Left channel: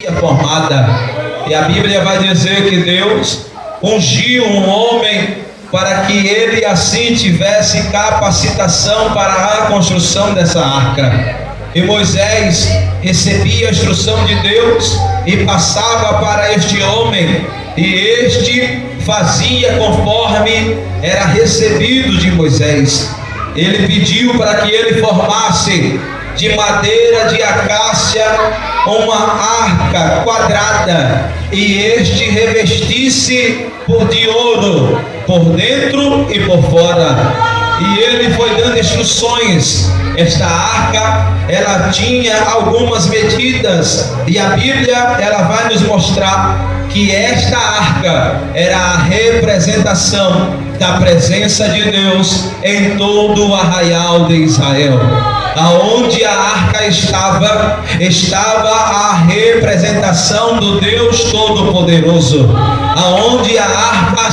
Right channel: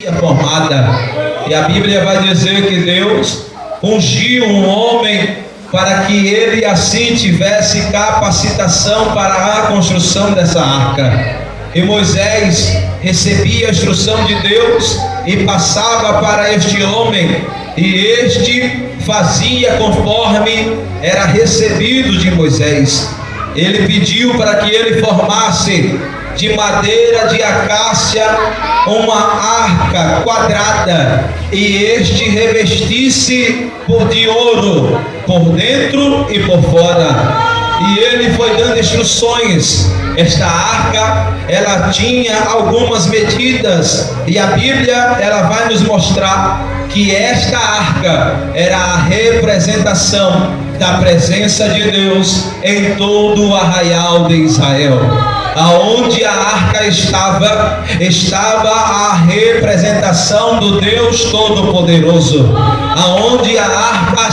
formada. E a Bíblia vai dizer que Deus ungiu um homem para que ele assim tivesse capacitação para a construção dessa arca. E Moisés recebia a instrução de Deus e passava para este homem, e este fazia conforme era recebido de Moisés. Ele pediu para que ele formasse de madeira de acácia uma arca quadrada, e este revestisse de ouro por dentro e por fora. E ele foi dando instruções. Esta arca, ela tinha algumas medidas, e a Bíblia, ela vai nos mostrar que esta arca era a representação da presença de Deus em todo o arraial de Israel. Aonde a arca estava a representação do Deus Todo-Poderoso. Aonde a arca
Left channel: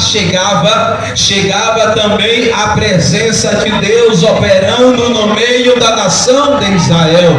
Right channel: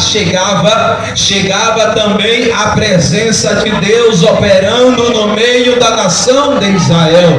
chegava também a presença de Deus operando no meio da nação de Israel,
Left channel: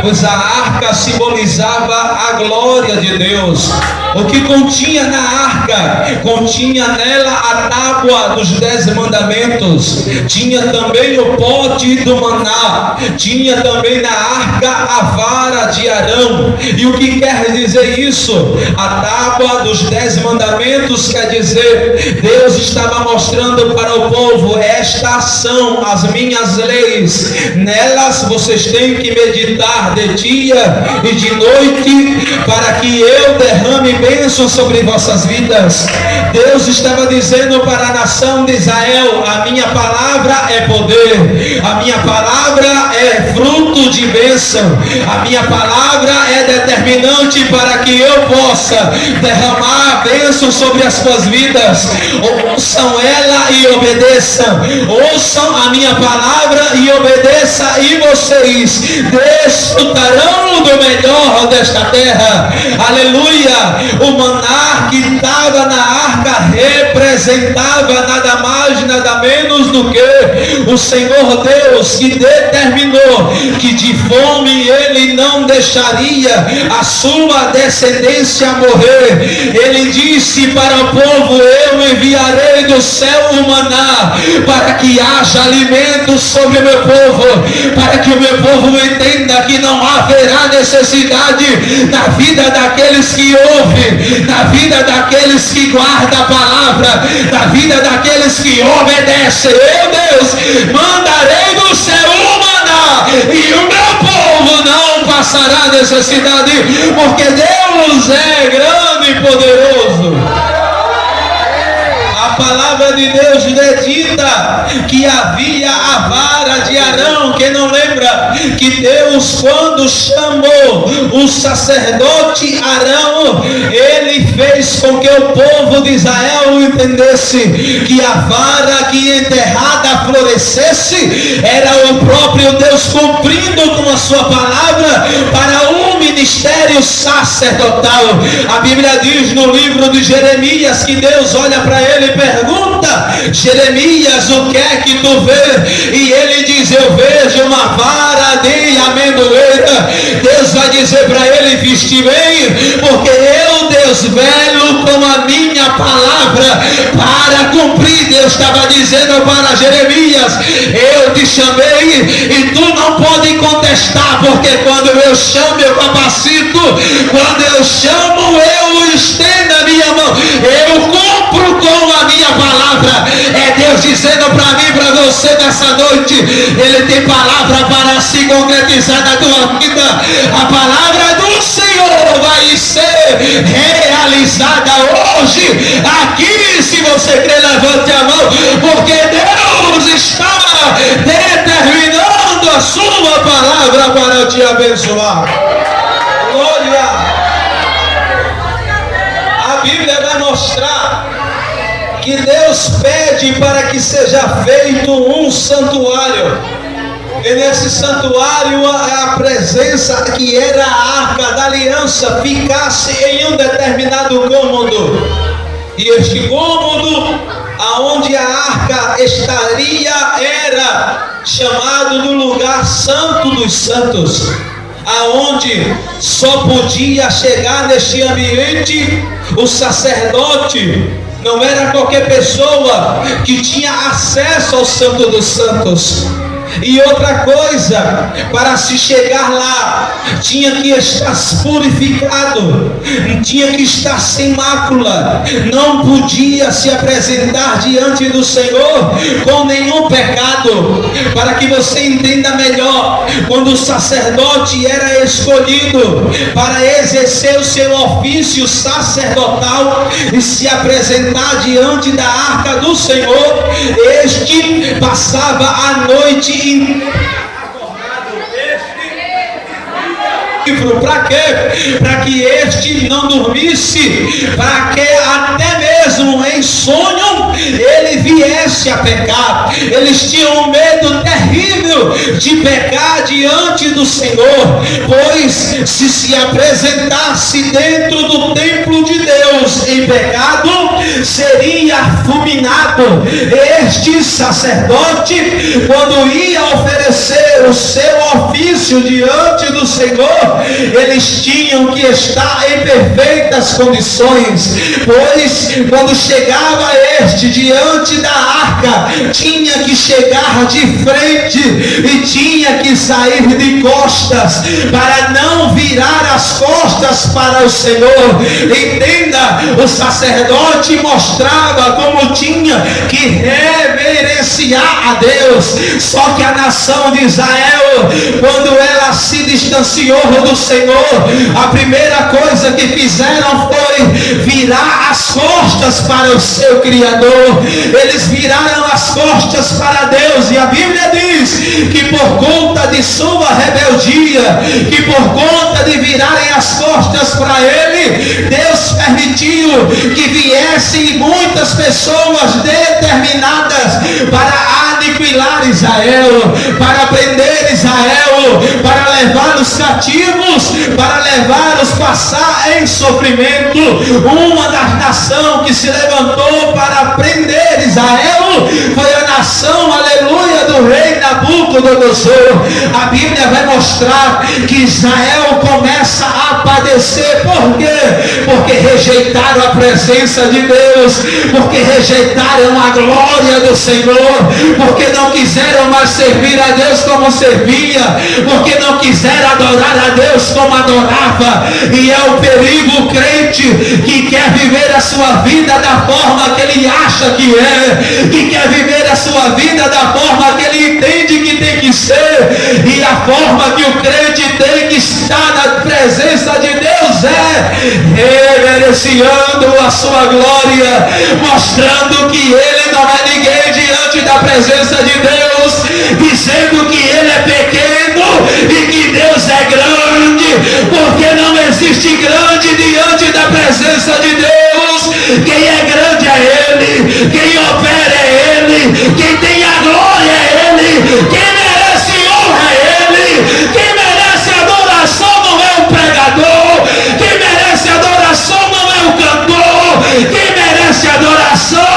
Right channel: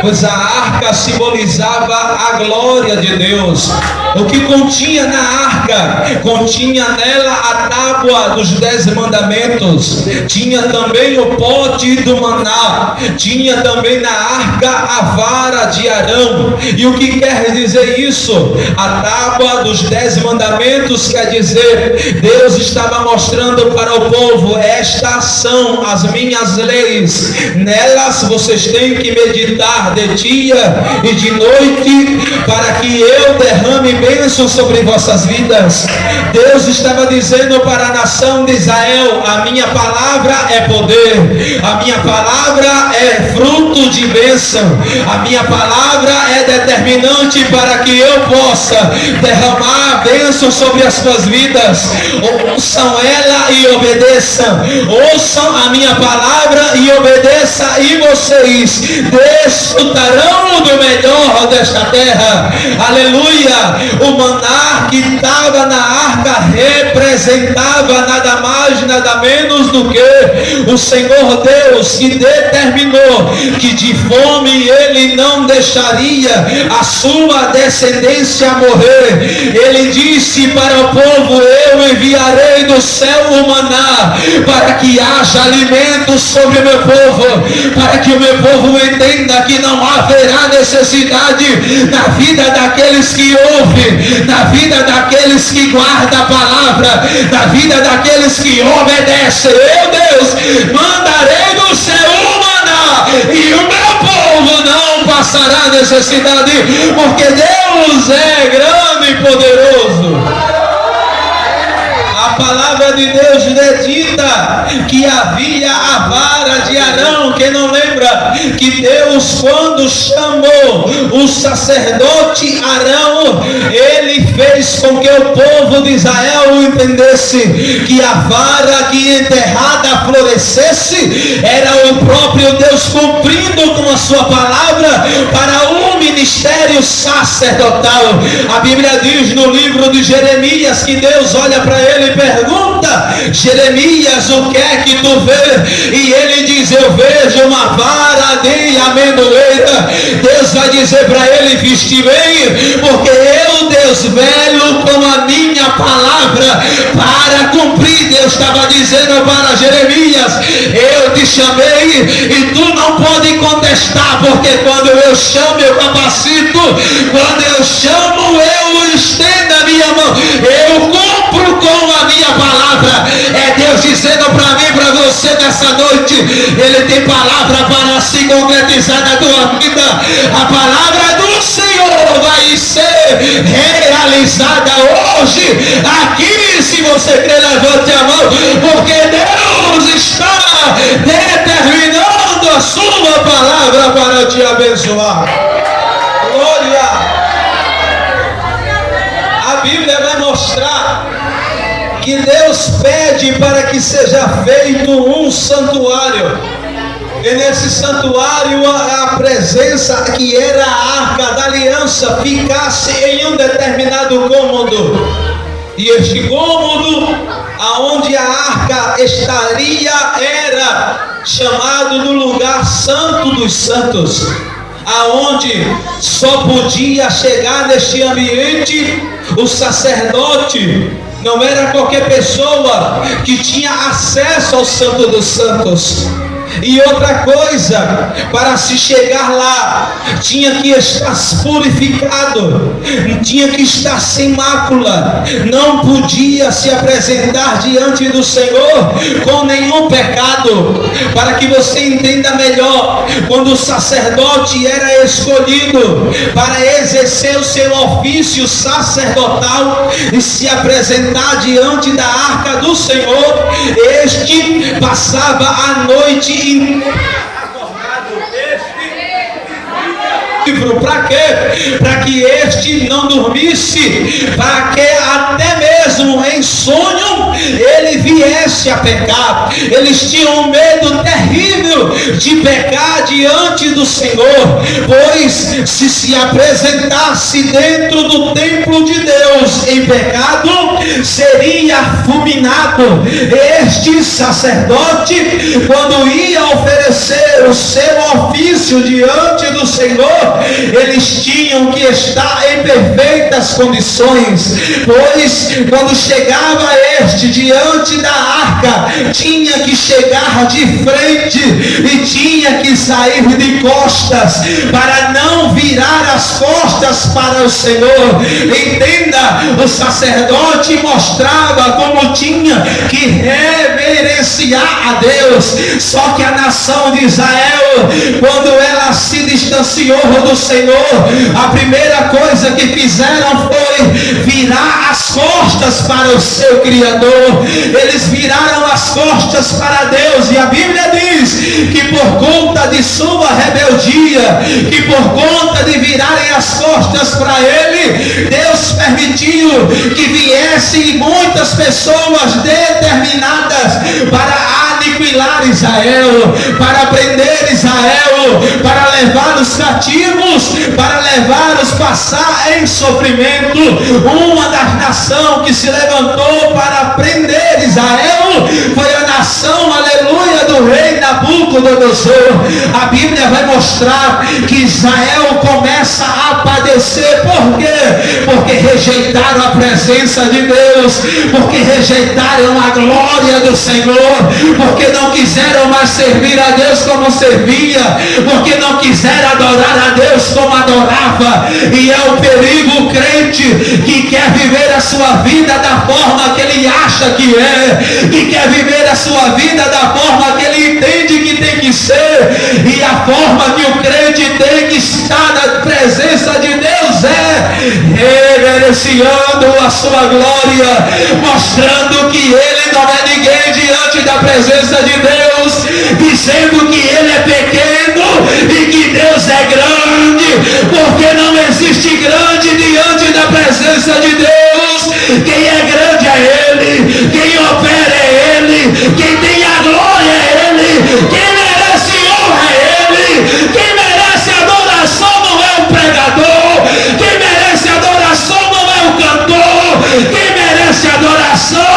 pois a arca simbolizava a glória de Deus. O que continha na arca? Continha nela a tábua dos 10 mandamentos, tinha também o pote do maná, tinha também na arca a vara de Arão. E o que quer dizer isso? A tábua dos 10 mandamentos quer dizer, Deus estava mostrando para o povo: estas são as minhas leis, nelas vocês têm que meditar de dia e de noite, para que eu derrame bênção sobre vossas vidas. Deus estava dizendo para a nação de Israel: a minha palavra é poder, a minha palavra é fruto de bênção, a minha palavra é determinante para que eu possa derramar bênção sobre as suas vidas. Ouçam ela e obedeçam, ouçam a minha palavra e obedeçam, e vocês desfrutarão do melhor desta terra. Aleluia! O maná que estava na arca representava nada mais, nada menos do que o Senhor Deus, que determinou que de fome ele não deixaria a sua descendência morrer. Ele disse para o povo: eu enviarei do céu o maná, para que haja alimento sobre o meu povo, para que o meu povo entenda que não haverá necessidade na vida daqueles que ouvem, na vida daqueles que guardam a palavra, na vida daqueles que obedecem. Eu, Deus, mandarei do céu o maná, e o meu povo não passará necessidade, porque Deus é grande e poderoso. A palavra de Deus dedita que havia a vara de Arão. Quem não lembra que Deus, quando chamou o sacerdote Arão, ele fez com que o povo de Israel entendesse que a vara que enterrada florescesse era o próprio Deus cumprindo com a sua palavra para um ministério sacerdotal. A Bíblia diz no livro de Jeremias que Deus olha para ele e pergunta: Jeremias, o que é que tu vês? E ele diz: eu vejo uma vara de amendoeira. Deus vai dizer para ele: viste bem, porque eu, Deus, velo com a minha palavra para cumprir. Deus estava dizendo para Jeremias: eu te chamei e tu não pode contestar, porque quando eu chamo eu capacito, quando eu chamo eu estendo a minha mão, eu cumpro com a minha palavra. É Deus dizendo para mim, para você nessa noite: ele tem palavra para se concretizar na tua vida. A palavra do Senhor vai ser realizada hoje aqui. Se você quer, levante a mão, porque Deus está determinando a sua palavra para te abençoar. Glória! A Bíblia vai mostrar que Deus pede para que seja feito um santuário, e nesse santuário a presença que era a arca da aliança ficasse em um determinado cômodo, e este cômodo aonde a arca estaria era chamado do lugar santo dos santos. aonde só podia chegar neste ambiente o sacerdote. Não era qualquer pessoa que tinha acesso ao Santo dos Santos. E outra coisa, para se chegar lá, tinha que estar purificado, tinha que estar sem mácula, não podia se apresentar diante do Senhor com nenhum pecado. Para que você entenda melhor, quando o sacerdote era escolhido para exercer o seu ofício sacerdotal e se apresentar diante da arca do Senhor, este passava a noite acordado. Para quê? Para que este não dormisse, para que até mesmo em sonho ele viesse a pecar. Eles tinham um medo terrível de pecar diante do Senhor, pois se apresentasse dentro do templo de Deus em pecado, seria fulminado. Este sacerdote, quando ia oferecer o seu ofício diante do Senhor, eles tinham que estar em perfeitas condições, pois quando chegava este diante da arca, tinha que chegar de frente e tinha que sair de costas, para não virar as costas para o Senhor. Entenda, o sacerdote mostrava como tinha que reverenciar a Deus. Só que a nação de Israel, quando ela se distanciou do Senhor, a primeira coisa que fizeram foi virar as costas para o seu Criador. Eles viraram as costas para Deus, e a Bíblia diz que por conta de sua rebeldia, que por conta de virarem as costas para Ele, Deus permitiu que viessem muitas pessoas determinadas para aniquilar Israel, para prender Israel, para levá-los cativos, para levá-los passar em sofrimento. Uma das nações que se levantou para prender Israel foi a nação, aleluia, do rei Nabucodonosor. A Bíblia vai mostrar que Israel começa a padecer. Por quê? Porque rejeitaram a presença de Deus, porque rejeitaram a glória do Senhor, porque não quiseram mais servir a Deus como servia, porque não quiseram adorar a Deus como adorava. E é o perigo o crente que quer viver a sua vida da forma que ele acha que é, que quer viver a sua vida da forma que ele entende que tem que ser. E a forma que o crente tem que estar na presença de Deus é reverenciando a sua glória, mostrando que ele não é ninguém diante da presença de Deus, dizendo que ele é pequeno e que Deus é grande, porque não existe grande diante da presença de Deus. Quem é grande é Ele, quem opera é Ele, quem tem a glória é Ele, quem merece honra é Ele, quem merece adoração não é o pregador, quem merece adoração não é o cantor, quem merece adoração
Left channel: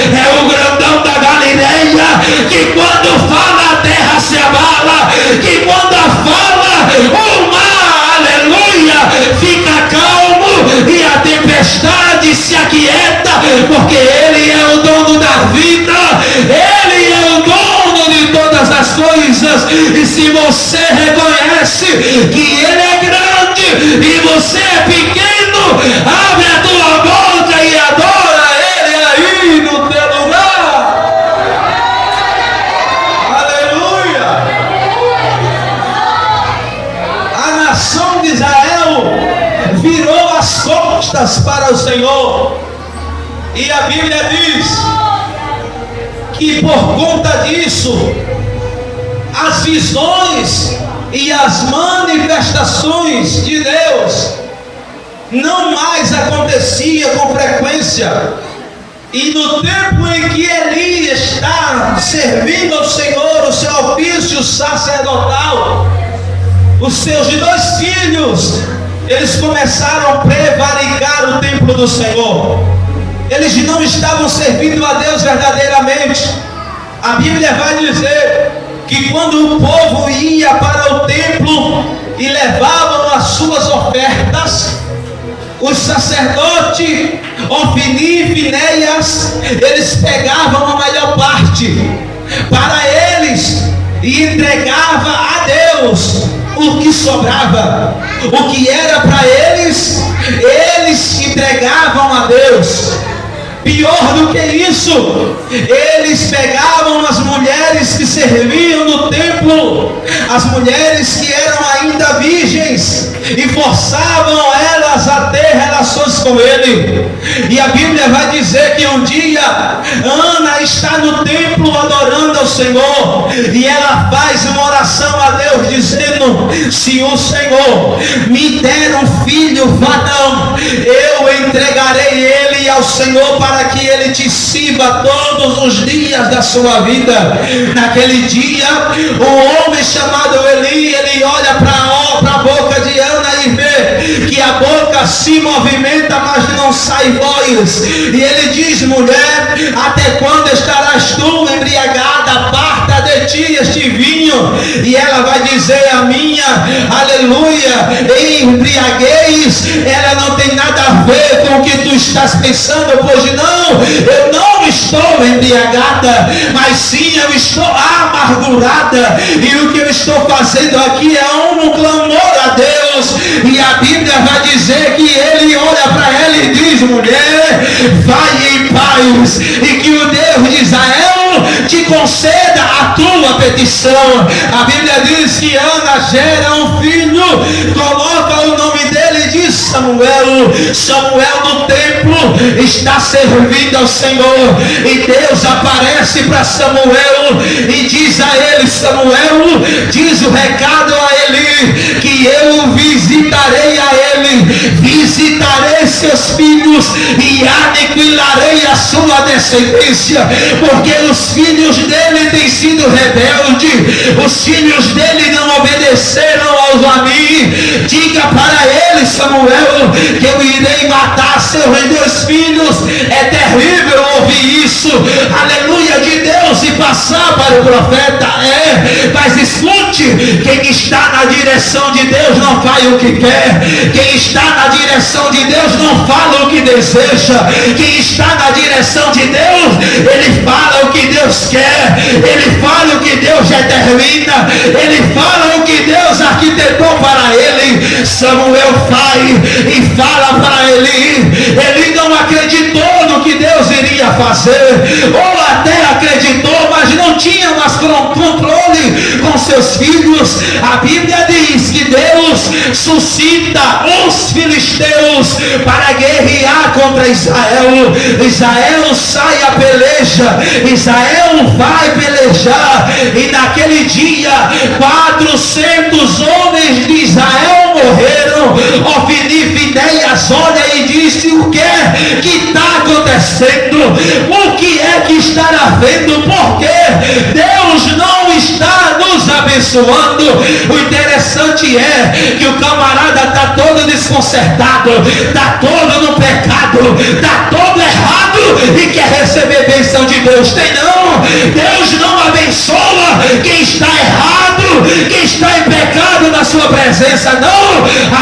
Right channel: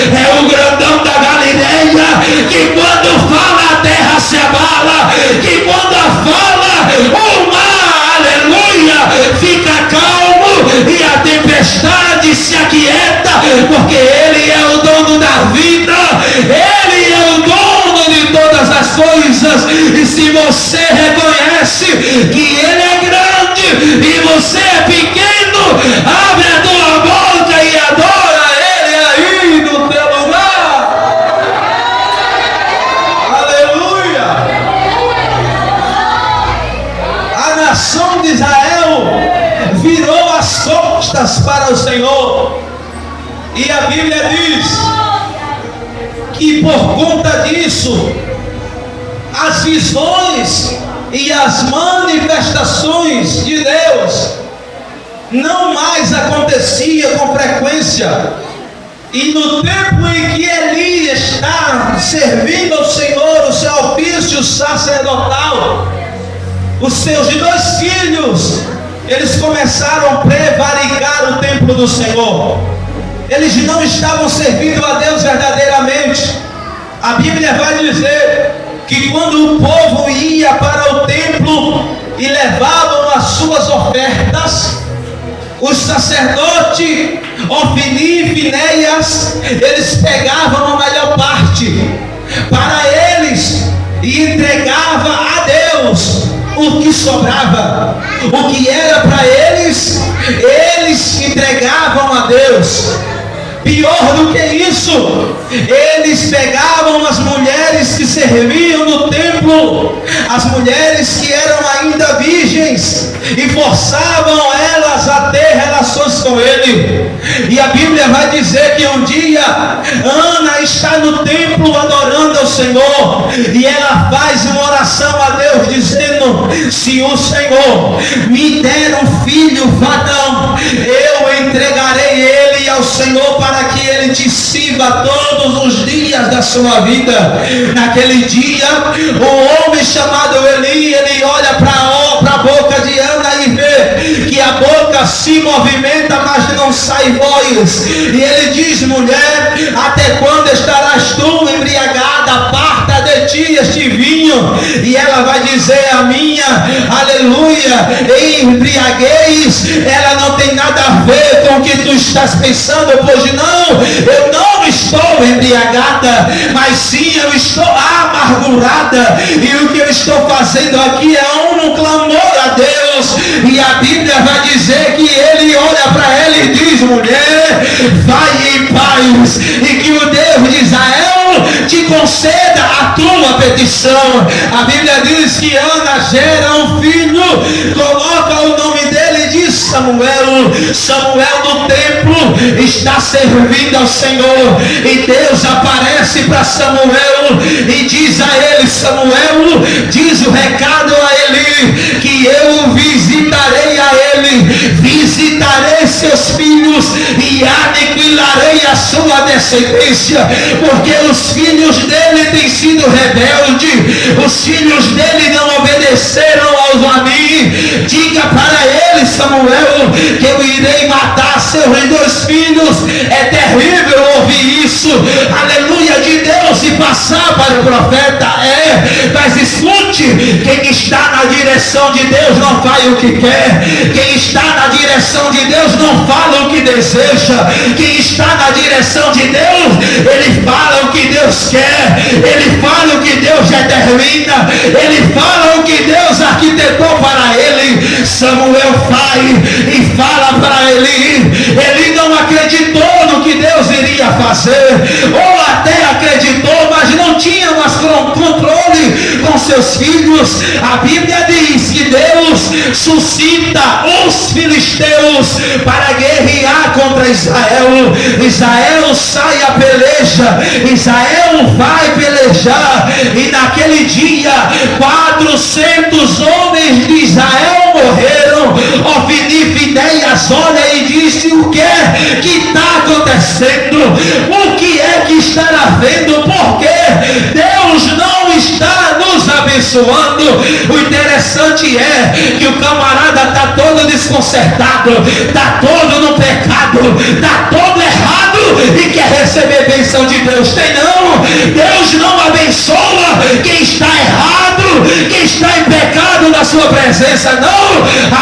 é o grandão da Galileia, que quando fala a terra se abala, que quando fala o mar, aleluia, fica calmo e a tempestade se aquieta, porque Ele é o dono da vida, Ele é o dono de todas as coisas. E se você reconhece que Ele é grande e você é pequeno, abre a tua boca e adora Ele aí no teu lugar. Aleluia! A nação de Israel virou as costas para o Senhor, e a Bíblia diz que por conta disso as visões e as manifestações de Deus não mais acontecia com frequência. E no tempo em que Eli está servindo ao Senhor o seu ofício sacerdotal, os seus 2 filhos, eles começaram a prevaricar o templo do Senhor. Eles não estavam servindo a Deus verdadeiramente. A Bíblia vai dizer que quando o povo ia para o templo e levavam as suas ofertas, os sacerdotes Ofni e Finéias, eles pegavam a melhor parte para eles e entregava a Deus o que sobrava, o que era para eles, eles entregavam a Deus. Pior do que isso, eles pegavam as mulheres que serviam no templo, as mulheres que eram ainda virgens, e forçavam elas a ter relações com ele. E a Bíblia vai dizer que um dia Ana está no templo adorando ao Senhor, e ela faz uma oração a Deus dizendo: se o Senhor me der um filho varão, eu entregarei ele ao Senhor para que ele te sirva todos os dias da sua vida. Naquele dia, um homem chamado Eli, ele olha para a boca de Ana e vê que a boca se movimenta, mas não sai voz. E ele diz: mulher, até quando estarás tu embriagada? Aparta de ti este vinho. E ela vai dizer: a minha, aleluia, embriaguez, ela não tem nada a ver com o que tu estás pensando, pois não, eu não estou embriagada, mas sim eu estou amargurada, e o que eu estou fazendo aqui é um clamor a Deus. E a Bíblia vai dizer que ele olha para ela e diz: mulher, vai em paz, e que o Deus de Israel te conceda a tua petição. A Bíblia diz que Ana gera um filho, coloca o nome dele de Samuel. Samuel no templo está servindo ao Senhor, e Deus aparece para Samuel e diz a ele: Samuel, diz o recado a ele, que eu visitarei a ele, visitarei seus filhos e aniquilarei a sua descendência, porque os filhos dele têm sido rebeldes, os filhos dele não obedeceram a mim. Diga para ele, Samuel, que eu irei matar seus dois filhos. É terrível ouvir isso, aleluia, de Deus, e passar para o profeta. Mas escute, quem está na direção de Deus não faz o que quer, quem está na direção de Deus não fala o que deseja, quem está na direção de Deus, ele fala o que Deus quer, ele fala o que Deus determina, ele fala o que Deus arquitetou para ele. Samuel vai e fala para ele não acreditou no que Deus iria fazer, ou até acreditou, mas não tinha mais controle com seus filhos. A Bíblia diz que Deus suscita os filisteus para guerrear contra Israel. Israel sai a peleja, Israel vai pelejar, e naquele dia 400 homens de Israel morreram. Ofni e Finéias olha e disse: o que é que está acontecendo? O que é que está havendo? Porque Deus não está nos abençoando. O interessante é que o camarada está todo desconcertado, está todo no pecado, está todo errado e quer receber bênção de Deus. Tem não? Deus não abençoa quem está errado, quem está em pecado na sua presença, não.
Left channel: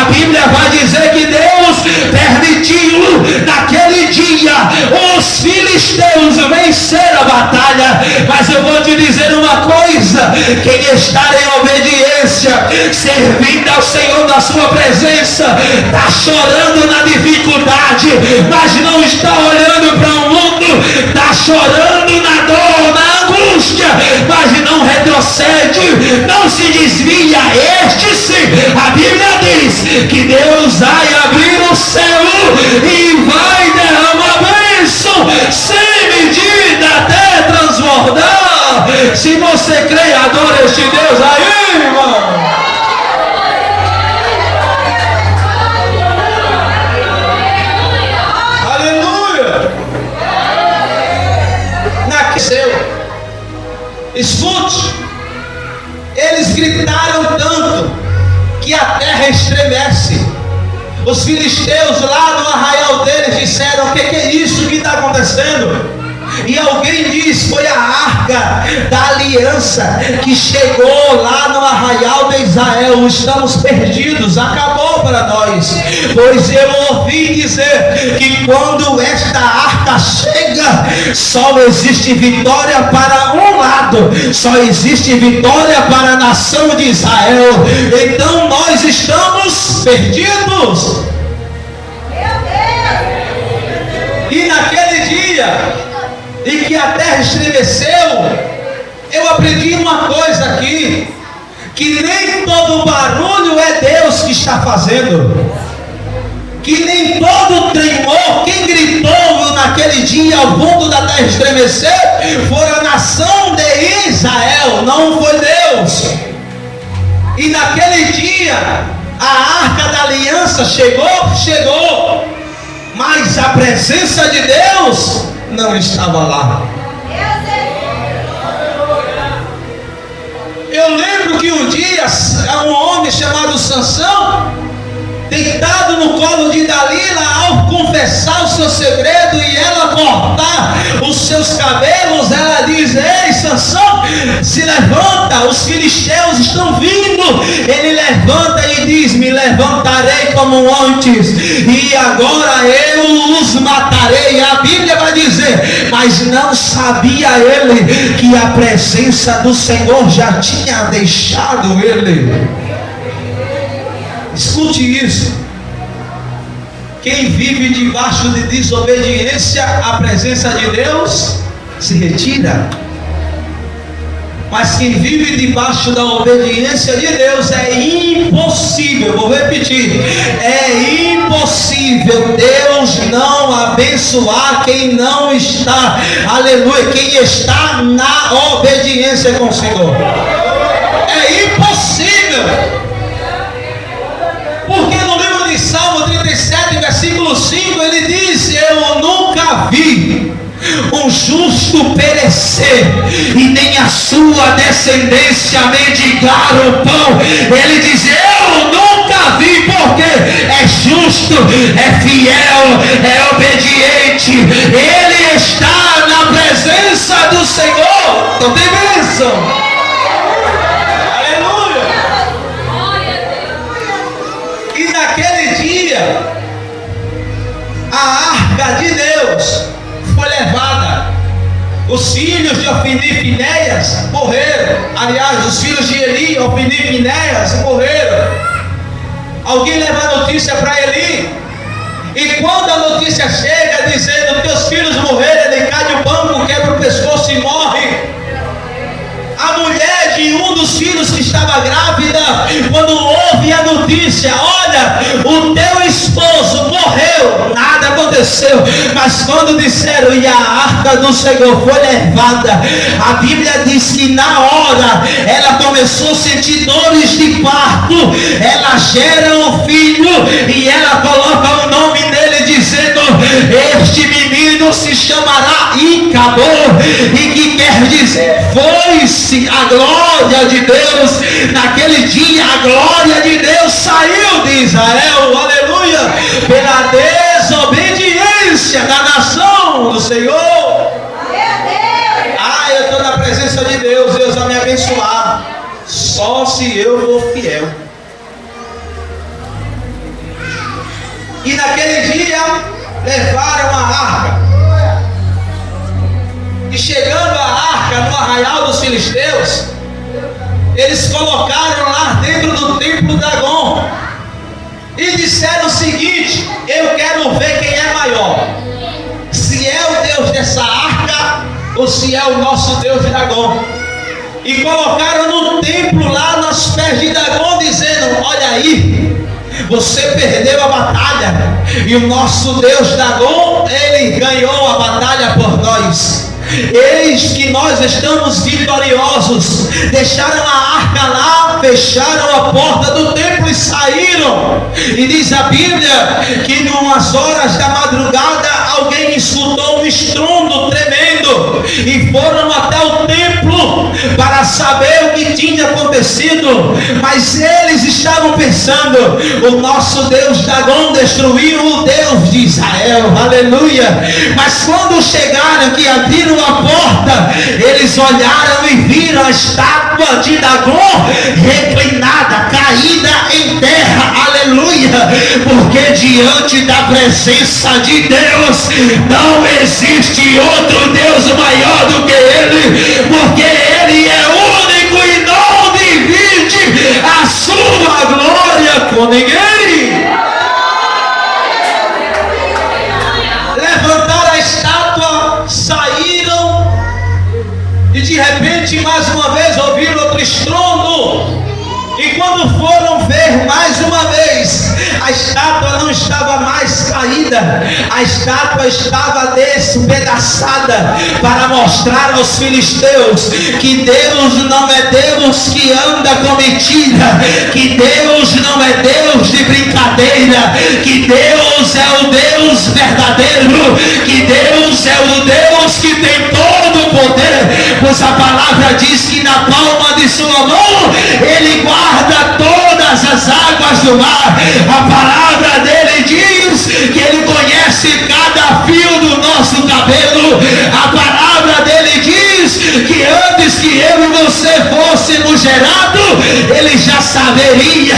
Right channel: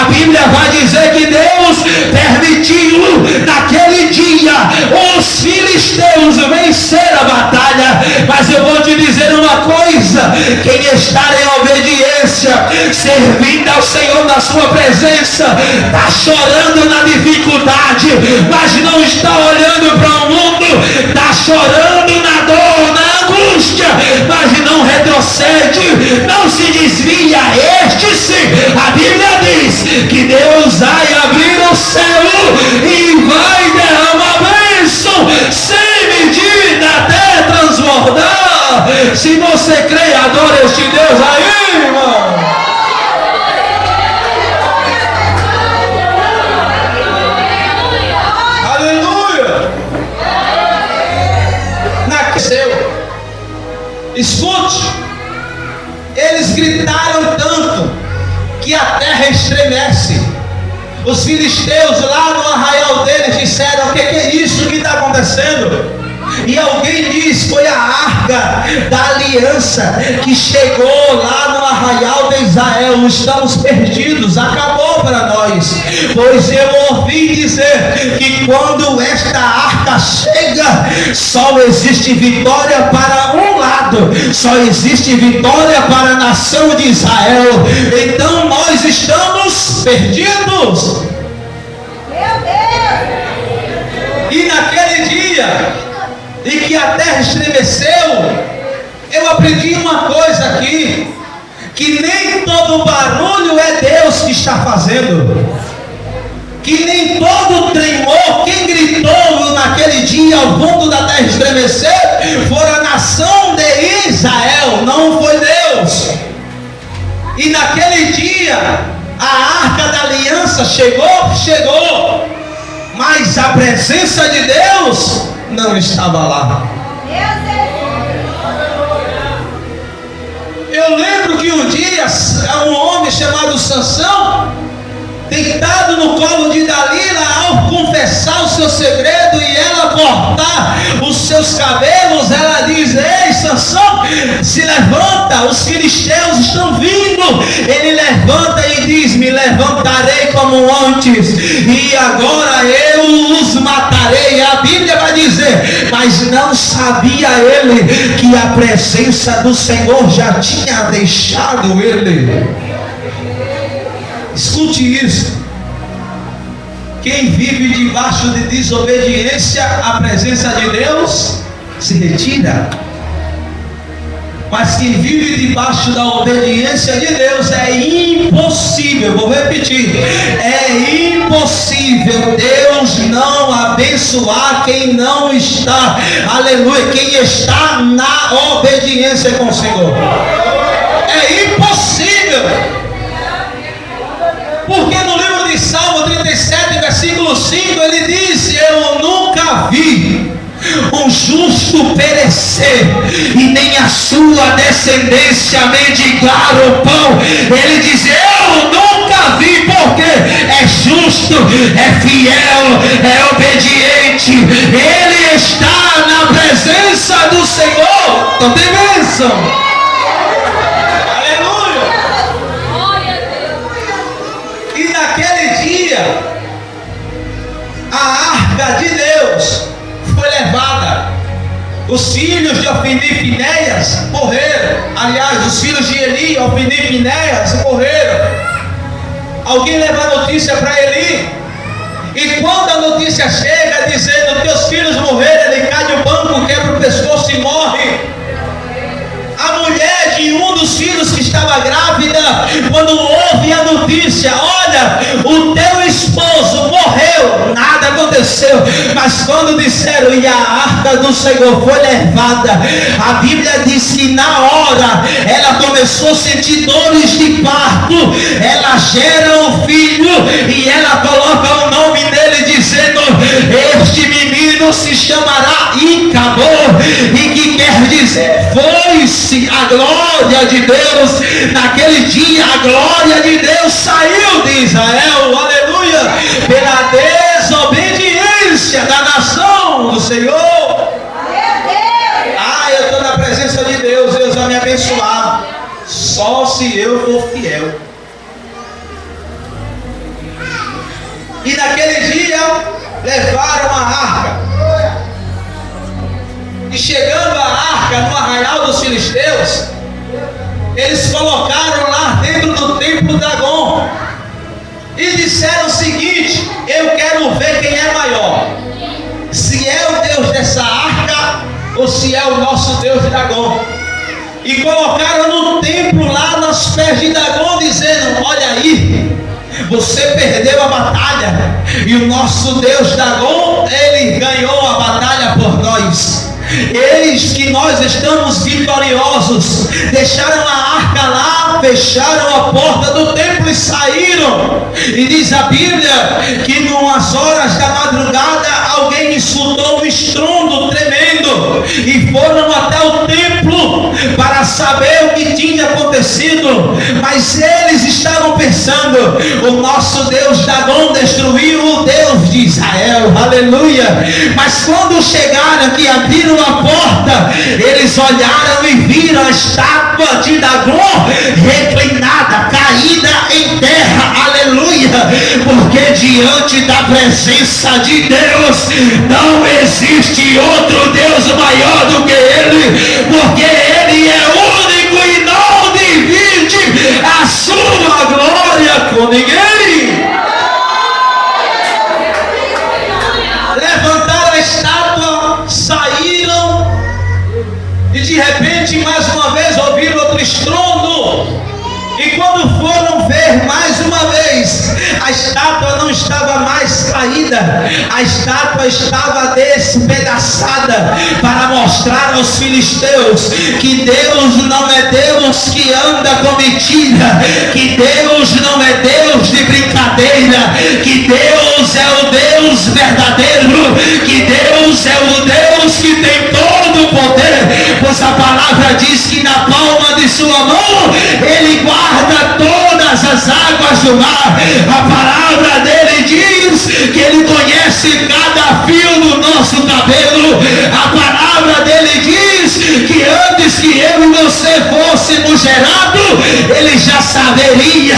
A Bíblia vai dizer que Deus permitiu naquele dia os filisteus vencer a batalha. Mas eu vou te dizer uma coisa: quem está em obediência, servindo ao Senhor na sua presença, está chorando na dificuldade, mas não está olhando para o mundo, está chorando na dor, na angústia, mas não retrocede, não se desvia. Este sim, a Bíblia diz que Deus vai abrir o céu e vai derramar bênção sem medida até transbordar. Se você crê, adora este Deus aí, irmão. Aleluia. Escute, eles gritaram tanto que a terra estremece. Os filisteus lá no arraial deles disseram: o que é isso que está acontecendo? E alguém diz: foi a arca da aliança que chegou lá no arraial de Israel. Estamos perdidos, acabou para nós. Pois eu ouvi dizer que quando esta arca chega, só existe vitória para um lado, só existe vitória para a nação de Israel. Então nós estamos perdidos. E naquele dia em que a terra estremeceu, eu aprendi uma coisa aqui, que nem todo barulho é Deus que está fazendo, que nem todo tremor, quem gritou naquele dia ao fundo da terra estremecer, foi a nação de Israel, não foi Deus. E naquele dia, a arca da aliança chegou, mas a presença de Deus não estava lá. Eu lembro que um dia, um homem chamado Sansão, deitado no colo de Dalila, ao confessar o seu segredo e ela cortar os seus cabelos, ela diz: ei, Sansão, se levanta, os filisteus estão vindo. Ele levanta e diz: me levantarei como antes, e agora eu os matarei. A Bíblia vai dizer: mas não sabia ele que a presença do Senhor já tinha deixado ele. Escute isso: quem vive debaixo de desobediência, a presença de Deus se retira. Mas quem vive debaixo da obediência de Deus, é impossível, vou repetir, é impossível Deus não abençoar quem não está, aleluia, quem está na obediência com o Senhor. É impossível. Porque no livro de Salmo 37, versículo 5, ele diz: eu nunca vi um justo perecer, e nem a sua descendência mendigar o pão. Ele diz: eu nunca vi, porque é justo, é fiel, é obediente. Ele está na presença do Senhor. Então tem bênção. A arca de Deus foi levada. Os filhos de Ofni e Finéias morreram. Aliás, os filhos de Eli, Ofni e Finéias morreram. Alguém leva a notícia para Eli, e quando a notícia chega dizendo: teus filhos morreram, ele cai no banco, quebra o pescoço e morre. A mulher de um dos filhos que estava grávida, quando ouve a notícia: olha, o teu esposo morreu, nada aconteceu. Mas quando disseram: e a arca do Senhor foi levada, a Bíblia diz que na hora ela começou a sentir dores de parto. Ela gera um filho e ela coloca o nome dele, dizendo: este menino se chamará Icabod, e que quer dizer foi-se a glória de Deus. Naquele dia a glória de Deus saiu de Israel, aleluia, pela desobediência da nação do Senhor. Ah, eu estou na presença de Deus, Deus vai me abençoar, só se eu for fiel. E naquele dia levaram a arca, e chegando a arca no arraial dos filisteus, eles colocaram lá dentro do templo Dagon e disseram o seguinte: eu quero ver quem é maior, se é o Deus dessa arca ou se é o nosso Deus de Dagon. E colocaram no templo lá nos pés de Dagon, dizendo: olha aí, você perdeu a batalha, e o nosso Deus Dagon, ele ganhou a batalha por nós. Eis que nós estamos vitoriosos. Deixaram a arca lá, fecharam a porta do templo e saíram. E diz a Bíblia que em umas horas da madrugada alguém escutou um estrondo tremendo, e foram até o templo para saber o que tinha acontecido. Mas eles estavam pensando: o nosso Deus Dagon destruiu o Deus de Israel, aleluia. Mas quando chegaram que abriram a porta, eles olharam e viram a estátua de Dagon reclinada, caída em terra, aleluia. Porque diante da presença de Deus não existe outro Deus maior do que Ele, porque Ele é único e não divide a sua glória com ninguém. Levantaram a estátua, saíram e de repente mais uma vez ouviram outro estrondo. E quando foram ver mais uma vez, a estátua não estava mais caída, a estátua estava despedaçada, para mostrar aos filisteus que Deus não é Deus que anda com mentira, que Deus não é Deus de brincadeira, que Deus é o Deus verdadeiro, que Deus é o Deus que tem todo o poder, pois a palavra diz que na palma de sua mão Ele guarda todas as águas do mar. A palavra dele diz que Ele conhece cada fio do nosso cabelo. A palavra dele diz que antes que eu e você fôssemos gerados, Ele já saberia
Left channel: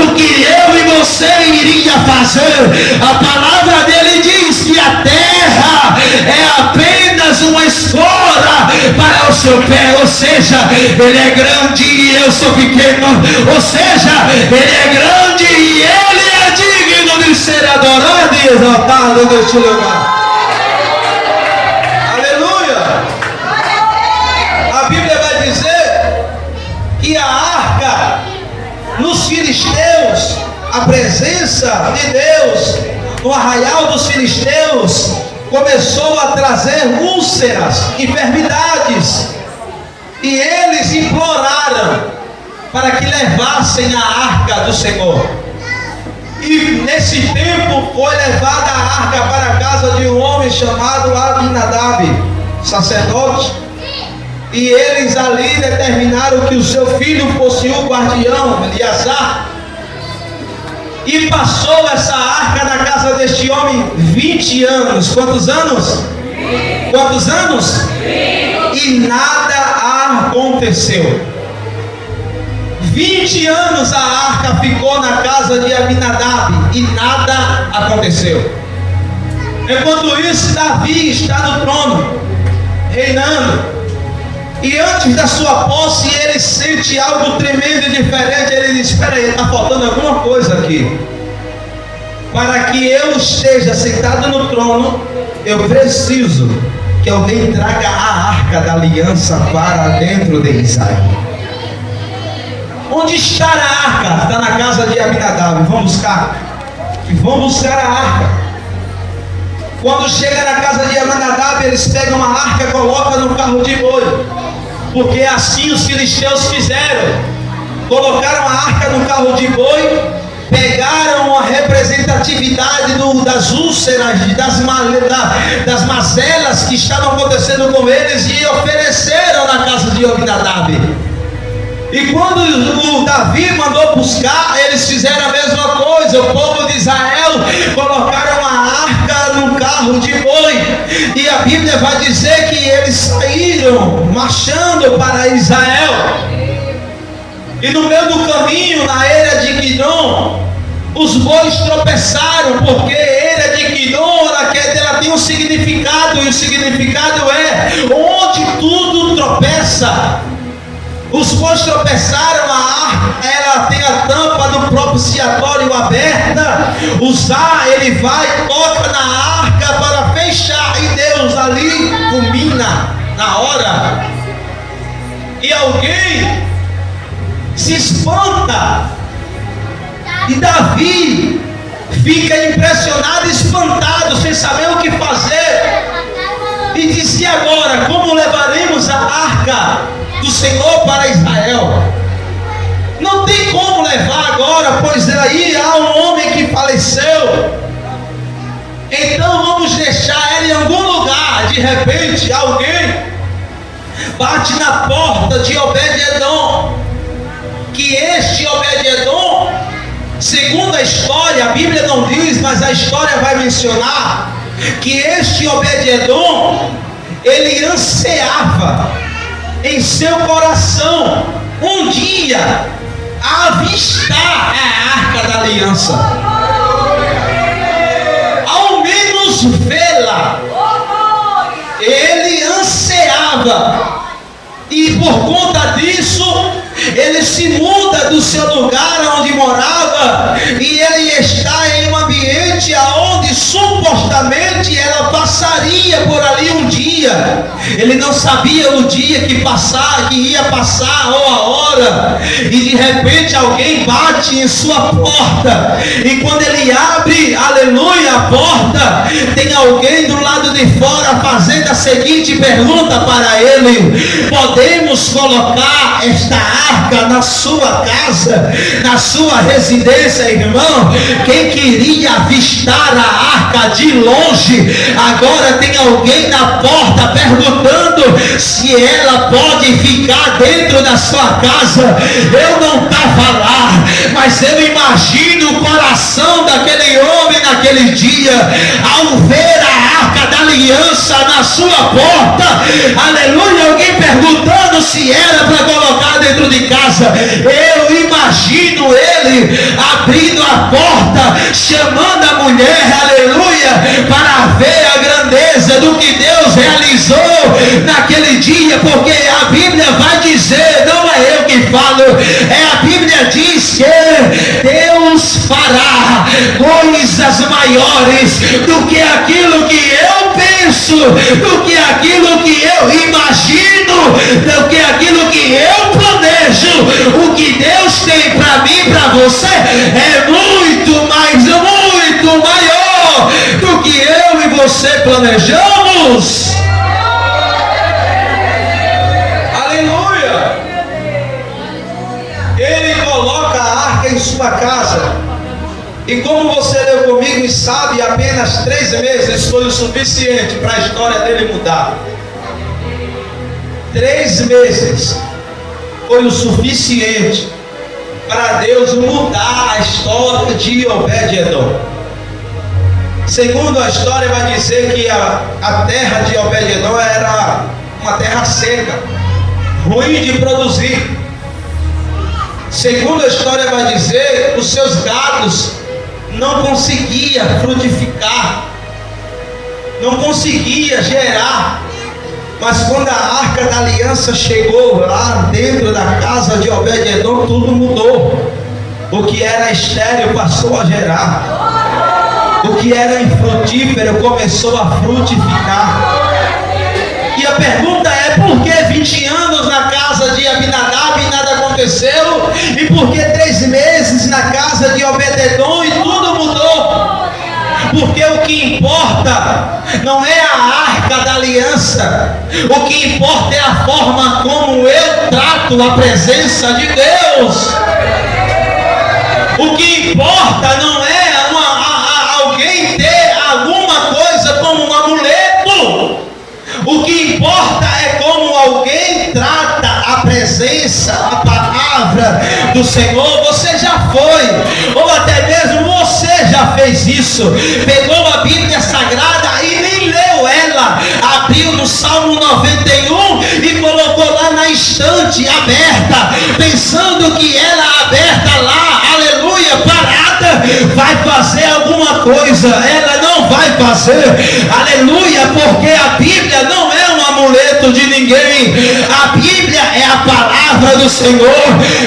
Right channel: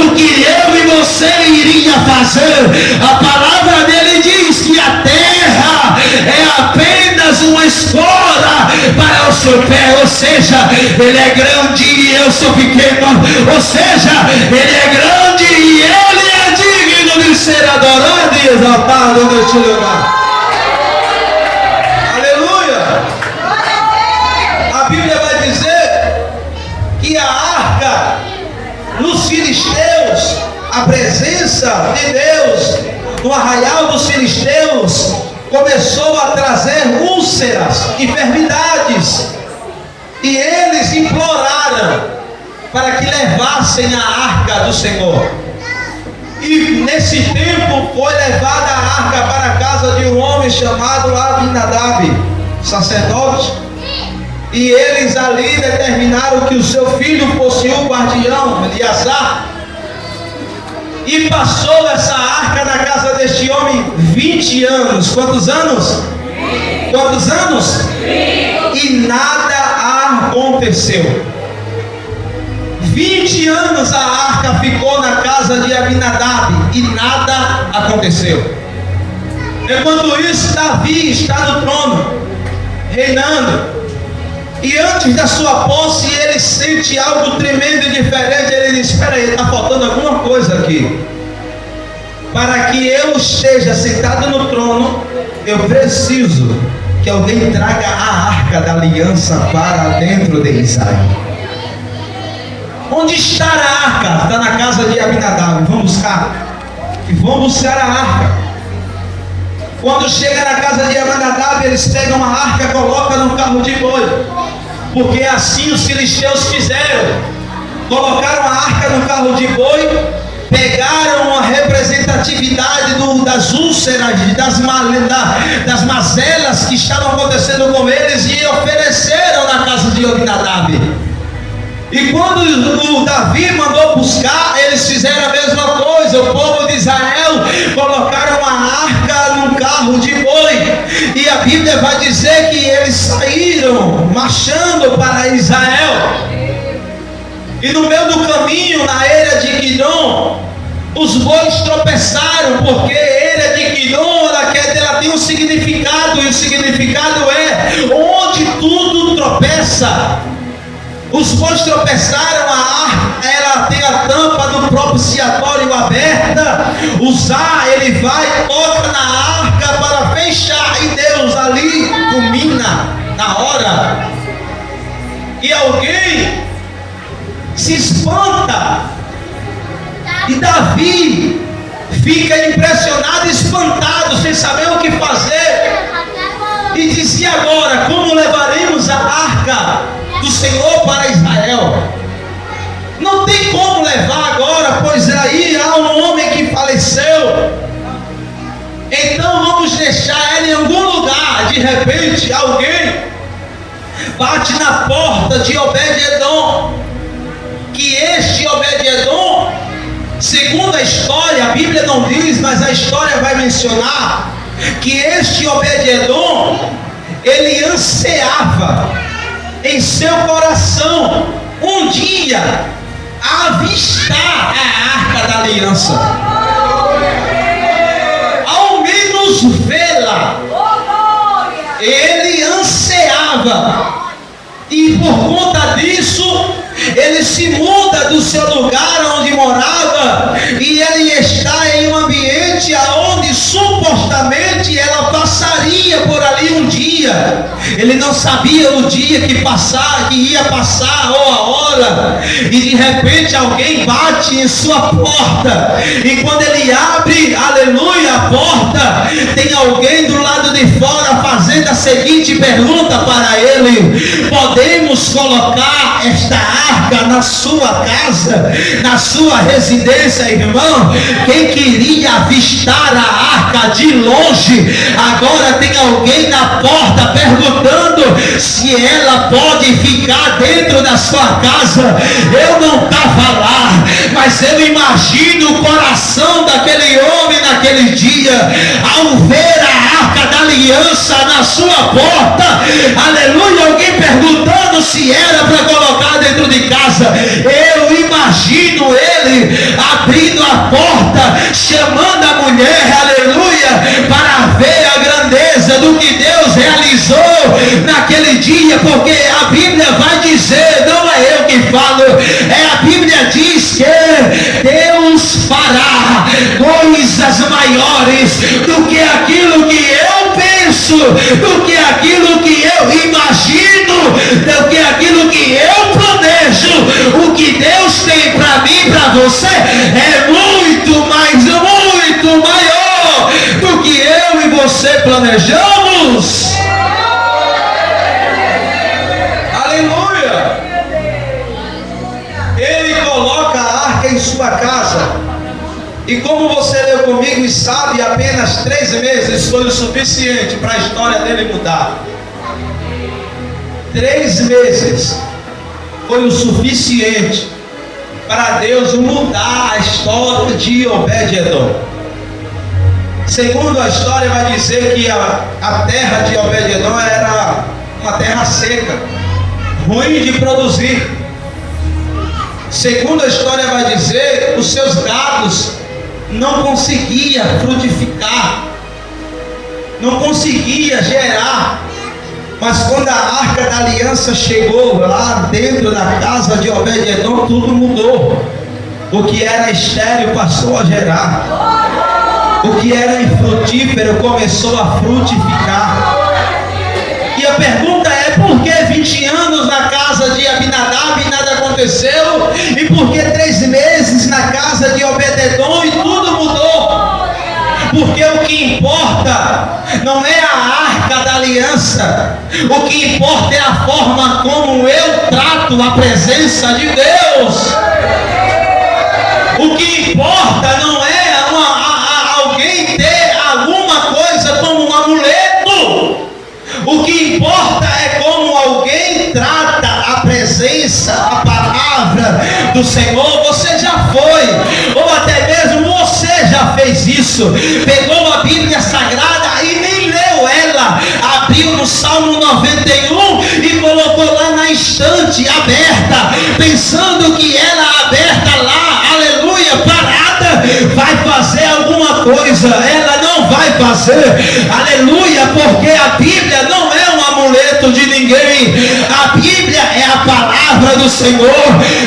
o que eu e você iria fazer. A palavra dele diz que a terra é apenas uma espora para o seu pé, ou seja, Ele é grande e eu sou pequeno, ou seja, Ele é grande e Ele é digno de ser adorado e exaltado neste lugar. Aleluia! A Bíblia vai dizer que a arca nos filisteus, a presença de Deus no arraial dos filisteus começou a trazer úlceras, enfermidades, e eles imploraram para que levassem a arca do Senhor. E nesse tempo foi levada a arca para a casa de um homem chamado Abinadab, sacerdote, e eles ali determinaram que o seu filho fosse o guardião, Eleazar. E passou essa arca na casa deste homem 20 anos. Quantos anos? 20. Quantos anos? 20. E nada aconteceu. 20 anos a arca ficou na casa de Abinadab e nada aconteceu. Enquanto isso, Davi está no trono, reinando. E antes da sua posse, ele sente algo tremendo e diferente. Ele diz: espera aí, está faltando alguma coisa aqui. Para que eu esteja sentado no trono, eu preciso que alguém traga a arca da aliança para dentro de Israel. Onde está a arca? Está na casa de Abinadab. Vamos buscar. E vão buscar a arca. Quando chega na casa de Abinadab, eles pegam a arca e colocam no carro de boi. Porque assim os filisteus fizeram. Colocaram a arca no carro de boi, pegaram a representatividade das úlceras, das mazelas que estavam acontecendo com eles e ofereceram na casa de Abinadab. E quando o Davi mandou buscar, eles fizeram a mesma coisa. O povo de Israel colocaram a arca num carro de boi. E a Bíblia vai dizer que eles saíram marchando para Israel. E no meio do caminho, na era de Guidom, os bois tropeçaram, porque a era de Guidom ela tem um significado, e o significado é onde tudo tropeça. Os bois tropeçaram, a arca, ela tem a tampa do propiciatório aberta. Uzá, ele vai, toca na arca para fechar, e Deus ali culmina na hora. E alguém se espanta, e Davi fica impressionado, espantado, sem saber o que fazer, e disse: agora, como levaremos a arca do Senhor para Israel? Não tem como levar agora, pois aí há um homem que faleceu. Então vamos deixar ela em algum lugar. De repente alguém bate na porta de Obed-Edom, que este Obed-Edom Segundo a história, a Bíblia não diz, mas a história vai mencionar que este Obed-Edom, ele ansiava em seu coração um dia avistar a Arca da Aliança, ao menos vê-la. Ele ansiava, e por conta disso ele se muda do seu lugar onde morava, e ele está em um ambiente onde supostamente ela passaria por ali um dia. Ele não sabia o dia que ia passar, ou a hora, e de repente alguém bate em sua porta, e quando ele abre, aleluia, a porta, tem alguém do lado de fora fazendo a seguinte pergunta para ele: podemos colocar esta arca na sua casa, na sua residência, irmão? Quem queria avistar a arca de longe, agora tem alguém na porta perguntando se ela pode ficar dentro da sua casa. Eu não estava lá, mas eu imagino o coração daquele homem naquele dia, ao ver a arca da aliança na sua porta, aleluia, alguém perguntando se era para colocar dentro de casa. Eu imagino ele abrindo a porta, chamando a mulher, aleluia, para ver a grandeza do que Deus realizou naquele dia, porque a Bíblia vai dizer, não é eu que falo, a Bíblia diz que Deus fará coisas maiores do que aquilo que eu penso, do que aquilo que eu imagino, do que aquilo que eu planejo. O que Deus tem para mim e para você é muito, mas muito maior do que eu e você planejamos. Aleluia! Ele coloca a arca em sua casa, e como você leu comigo e sabe, apenas 3 meses foi o suficiente para a história dele mudar. 3 meses foi o suficiente para Deus mudar a história de Obed-Edom. Segundo a história vai dizer que a terra de Obed-Edom era uma terra seca, ruim de produzir. Segundo a história vai dizer, os seus gados não conseguiam frutificar, não conseguia gerar. Mas quando a arca da aliança chegou lá dentro da casa de Obed-Edom, tudo mudou. O que era estéril passou a gerar, o que era infrutífero começou a frutificar. E a pergunta é: por que 20 anos na casa de Abinadab e nada aconteceu? E por que 3 meses na casa de Obed-Edom e tudo mudou? Porque o que importa não é a arca da aliança, o que importa é a forma como eu trato a presença de Deus. O que importa não é alguém ter alguma coisa como um amuleto. O que importa é como alguém trata a presença, a palavra do Senhor. Você já foi, ou até mesmo você já fez isso. Pegou a Bíblia Sagrada e nem leu ela, abriu no Salmo 91 e colocou lá na estante aberta, pensando que ela aberta lá, aleluia, parada, vai fazer alguma coisa. Ela não vai fazer, aleluia, porque a Bíblia não é um amuleto de ninguém. A Bíblia é a palavra do Senhor,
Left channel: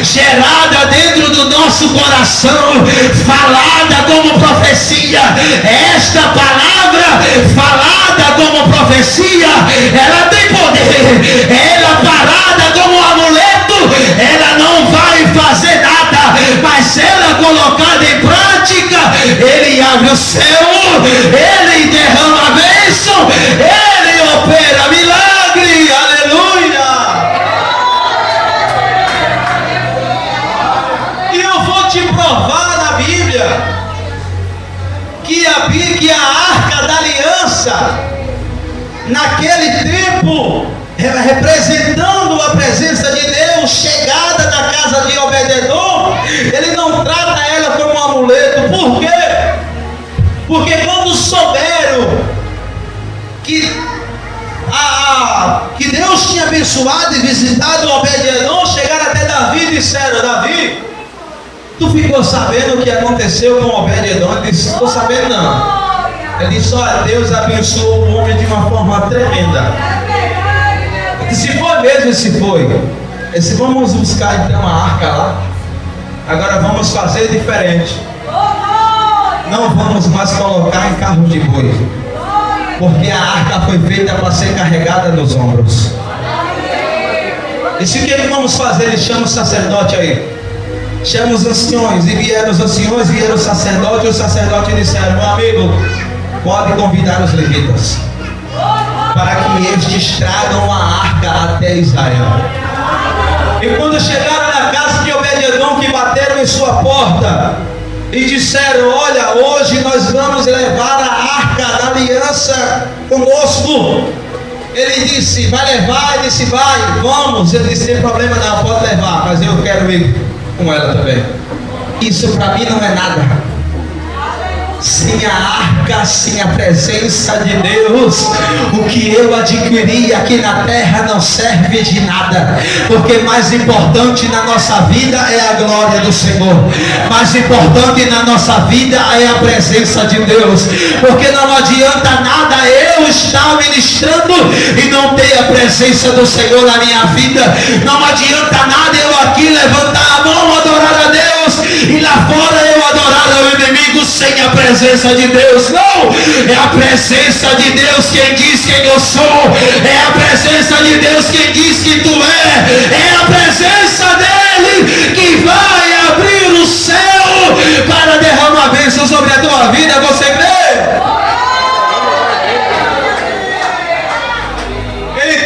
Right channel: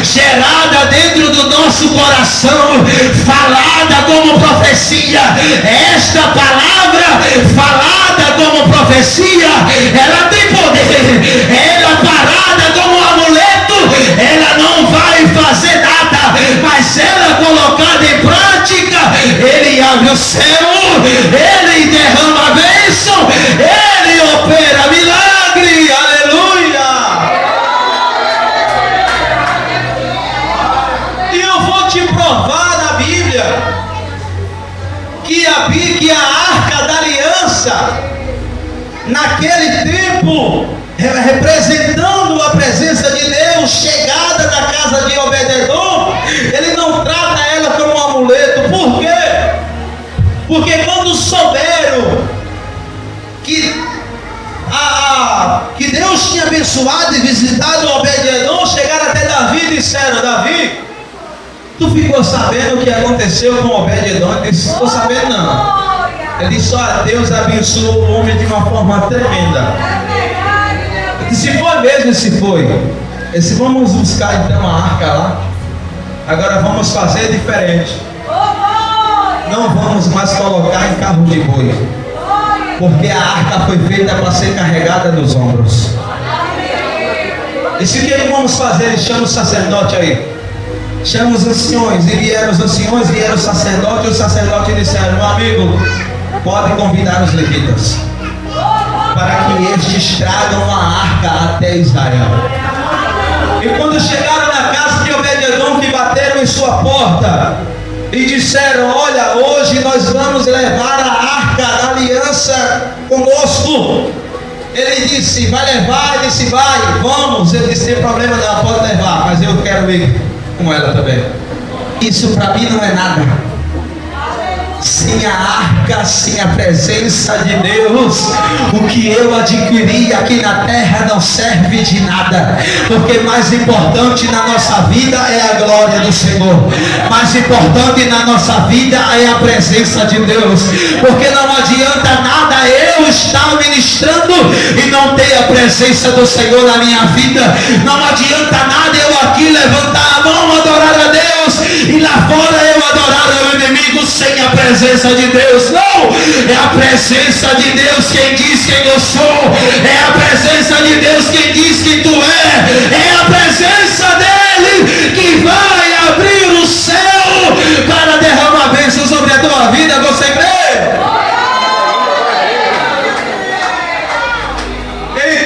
gerada dentro do nosso coração, falada como profecia. Esta palavra falada como profecia, ela tem poder. Ela parada como um amuleto, ela não vai fazer nada, mas ela colocada em prática, ele abre o céu, ele derrama a bênção, ele opera milagre. Aleluia! E eu vou te provar na Bíblia que a arca da aliança, naquele tempo, representando a presença de Deus, chegada na casa de Obed-Edom, ele não trata ela como uma amuleto. Por quê? Porque quando souberam que Deus tinha abençoado e visitado Obed-Edom, chegaram até Davi e disseram: Davi, tu ficou sabendo o que aconteceu com Obed-Edom? Ele disse: estou sabendo não. Ele disse: olha, Deus abençoou o homem de uma forma tremenda. Ele disse: se foi mesmo, se foi. Ele disse: vamos buscar então a arca lá. Agora vamos fazer diferente. Não vamos mais colocar em carro de boi, porque a arca foi feita para ser carregada nos ombros. E se o que vamos fazer? Ele chama o sacerdote aí. Chama os anciões. E vieram os anciões, vieram o sacerdote. E o sacerdote disseram: meu amigo, pode convidar os levitas, para que estes tragam a arca até Israel. E quando chegaram na casa de Obed-Edom, que bateram em sua porta e disseram: olha, hoje nós vamos levar a arca da aliança conosco. Ele disse: vai levar? Ele disse: vai, vamos. Ele disse: sem problema não, pode levar, mas eu quero ir com ela também. Isso para mim não é nada. Sem a arca, sem a presença de Deus, o que eu adquiri aqui na terra não serve de nada. Porque mais importante na nossa vida é a glória do Senhor. Mais importante na nossa vida é a presença de Deus. Porque não adianta nada eu estar ministrando e não ter a presença do Senhor na minha vida. Não adianta nada eu aqui levantar a mão, adorar a Deus, e lá fora eu adorar ao inimigo sem a presença de Deus. Não, é a presença de Deus quem diz quem eu sou. É a presença de Deus quem diz que tu é a presença dele que vai abrir o céu para derramar bênçãos sobre a tua vida. Você crê?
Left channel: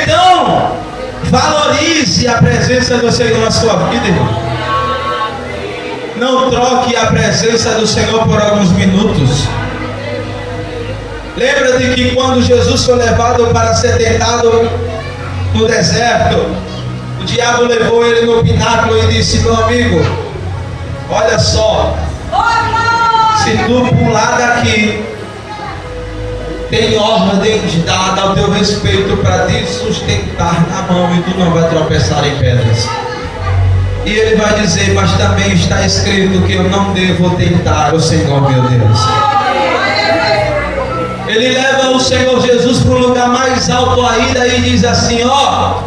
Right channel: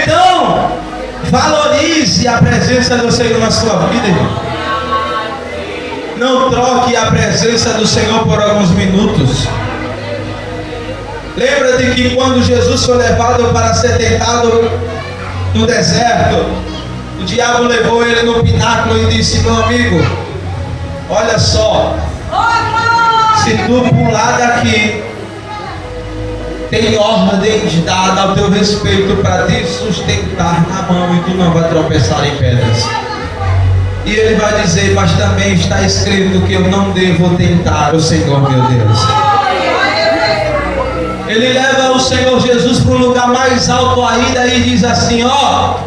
Então valorize a presença do Senhor na sua vida, irmão. Não troque a presença do Senhor por alguns minutos. Lembra de que quando Jesus foi levado para ser tentado no deserto, o diabo levou ele no pináculo e disse: meu amigo, olha só, se tu pular daqui, tem ordem dada ao teu respeito para te sustentar na mão e tu não vai tropeçar em pedras. E ele vai dizer: mas também está escrito que eu não devo tentar o Senhor meu Deus. Ele leva o Senhor Jesus para um lugar mais alto ainda e diz assim: ó,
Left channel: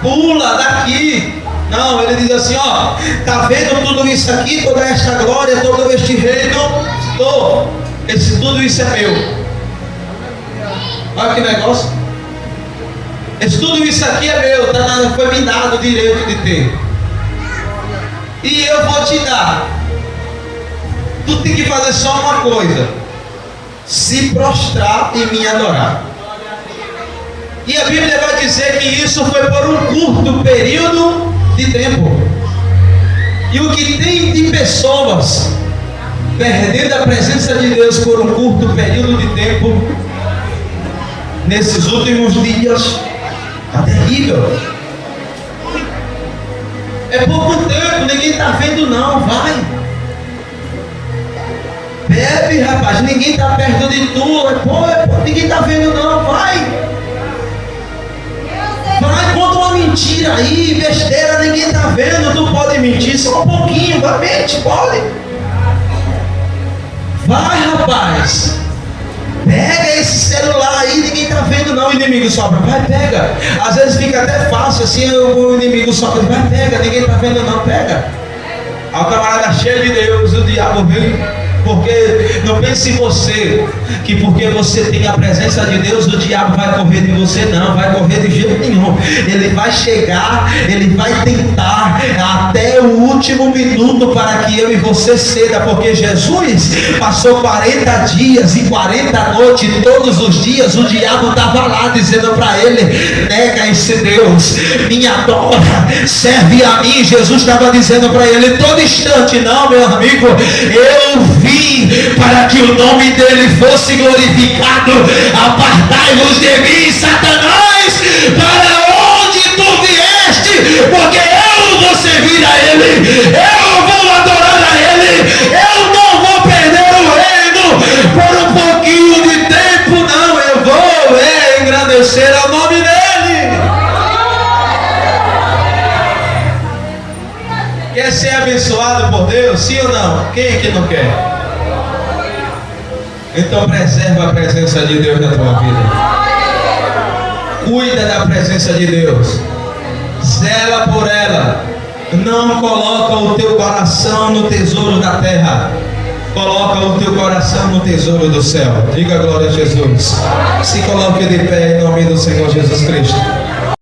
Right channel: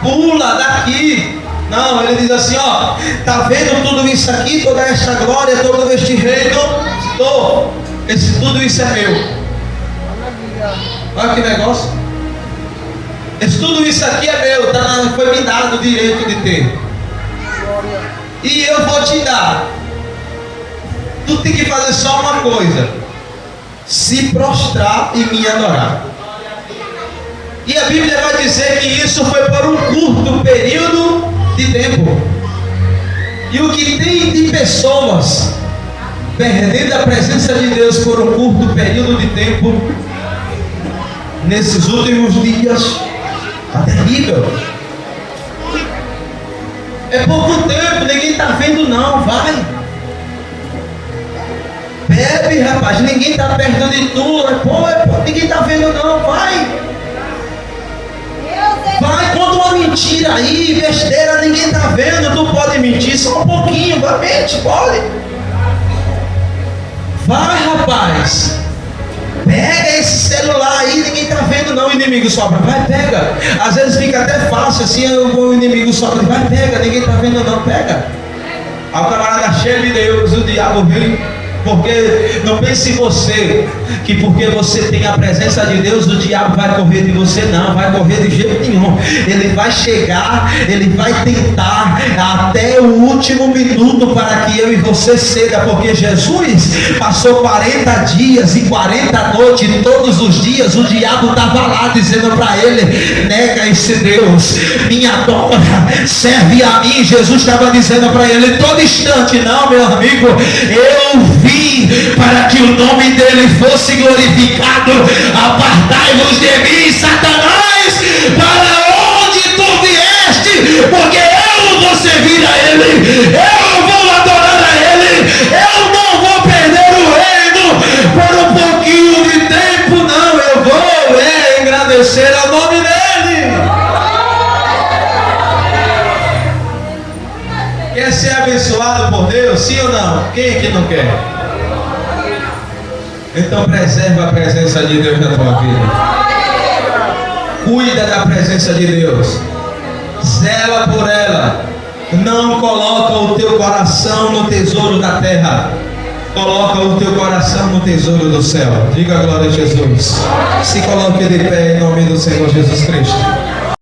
pula daqui. Não, ele diz assim: ó, tá vendo tudo isso aqui, toda esta glória, todo este reino? Tudo isso é meu. Olha que negócio. Tudo isso aqui é meu, tá? Foi me dado o direito de ter. E eu vou te dar. Tu tem que fazer só uma coisa: se prostrar e me adorar. E a Bíblia vai dizer que isso foi por um curto período de tempo. E o que tem de pessoas perdendo a presença de Deus por um curto período de tempo, nesses últimos dias, é terrível. É pouco tempo, ninguém está vendo não, vai. Bebe, rapaz, ninguém está perto de tu. Ninguém está vendo não, vai. Vai, conta uma mentira aí, besteira, ninguém está vendo. Tu pode mentir só um pouquinho, vai, mente, pode. Vai, rapaz. Pega esse celular aí, ninguém está vendo não, o inimigo sobra. Vai, pega. Às vezes fica até fácil assim, o inimigo sobra. Vai, pega, ninguém está vendo não, pega. A camarada cheio de Deus, o diabo vem. Porque não pense você que porque você tem a presença de Deus, o diabo vai correr de você. Não, vai correr de jeito nenhum. Ele vai chegar, ele vai tentar até o último minuto para que eu e você ceda. Porque Jesus passou 40 dias e 40 noites, todos os dias o diabo estava lá dizendo para ele: nega esse Deus, me adora, serve a mim. Jesus estava dizendo para ele todo instante: não, meu amigo, eu vim para que o nome dele fosse glorificado. Apartai-vos de mim, Satanás, para onde tu vieste, porque eu vou servir a ele, eu vou adorar a ele, eu não Deus, sim ou não? Quem é que não quer? Então preserva a presença de Deus na tua vida. Cuida da presença de Deus. Zela por ela. Não coloca o teu coração no tesouro da terra. Coloca o teu coração no tesouro do céu. Diga a glória a Jesus. Se coloque de pé em nome do Senhor Jesus Cristo.